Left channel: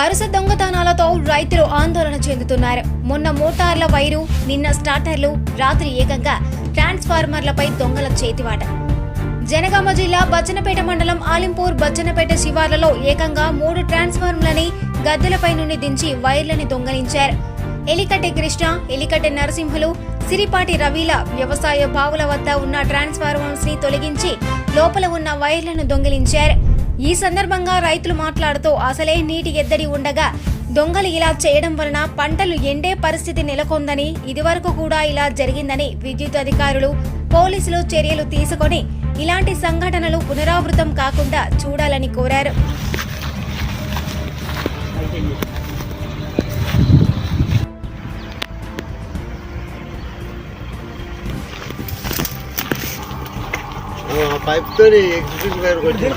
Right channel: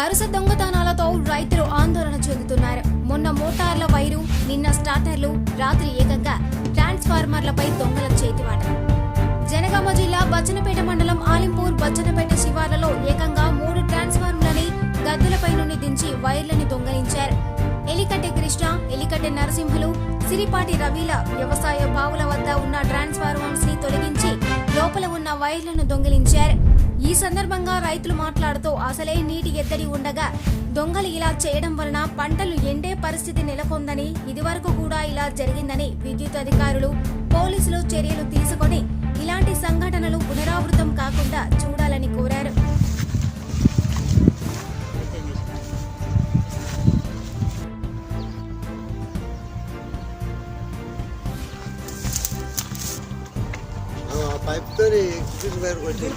వరుస దొంగతనాలతో రైతులు ఆందోళన చెందుతున్నారు. మొన్న మోటార్ల వైరు, నిన్న స్టార్టర్లు, రాత్రి ఏకంగా ట్రాన్స్ఫార్మర్లపై దొంగల చేతివాట. జనగామ జిల్లా బచ్చన్నపేట మండలం ఆలింపూర్ బచ్చన్నపేట శివార్లలో ఏకంగా 3 ట్రాన్స్ఫార్మర్లని గద్దెలపై నుండి దించి వైర్లని దొంగలించారు. ఎలికట్టె కృష్ణ, ఎలికట్టె నరసింహులు, సిరిపాటి రవీల వ్యవసాయ బావుల వద్ద ఉన్న ట్రాన్స్ఫార్మర్స్ ని తొలగించి లోపల ఉన్న వైర్లను దొంగిలించారు. ఈ సందర్భంగా రైతులు మాట్లాడుతూ అసలే నీటి ఎద్దడి ఉండగా దొంగలు ఇలా చేయడం వలన పంటలు ఎండే పరిస్థితి నెలకొందని, ఇదివరకు కూడా ఇలా జరిగిందని విద్యుత్ అధికారులు, పోలీసులు చర్యలు తీసుకొని ఇలాంటి సంఘటనలు పునరావృతం కాకుండా చూడాలని కోరారు.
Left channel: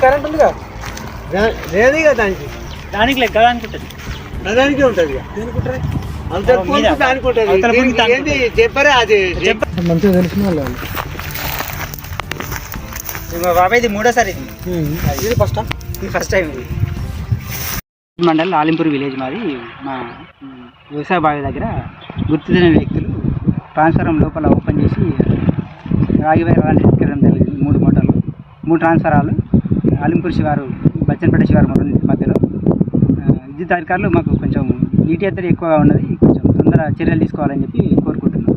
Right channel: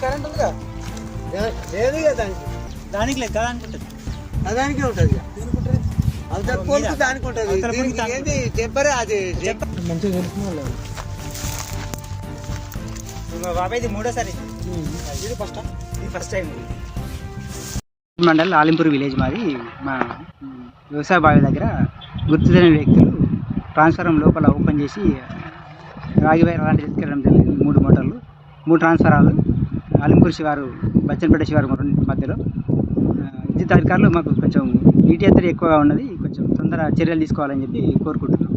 కరెంట్ ఉంది కదా, లేదే కదా దానికి లెక్క అనుకుంటుంది, దానికే ఉంటుంది. అంత దానికి ఉంటుంది. ఏంటి చెప్పారా? అది మంచిగా తెలిసిన వాళ్ళు. బాబాయ్ ఇది మూడోసారి, ఇది ఫస్ట్ టైం. మండల్ ఆలింపూర్ విలేజ్ మాది. మా వ్యవసాయ బావి దగ్గర గుర్తు తెలియని వ్యక్తులు ట్రాన్స్ఫారం లోపల ఓపెన్ చేసి రాగి వైర్ అలాంటి తీసుకెళ్ళడం జరిగింది. 3 మోటార్లు, 3 ట్రాన్స్ఫారాలు ఆలింపూర్ శివారు, బచ్చన్నపేట శివారు మధ్యలో. విద్యుత్ అధికారులు మాకు కొంచెం నీటి ఎత్తడి ఎక్కువగా ఉన్నది, కొంచెం తొందర చర్యలు తీసుకోవాలని చెప్పి కోరుకుంటున్నాం.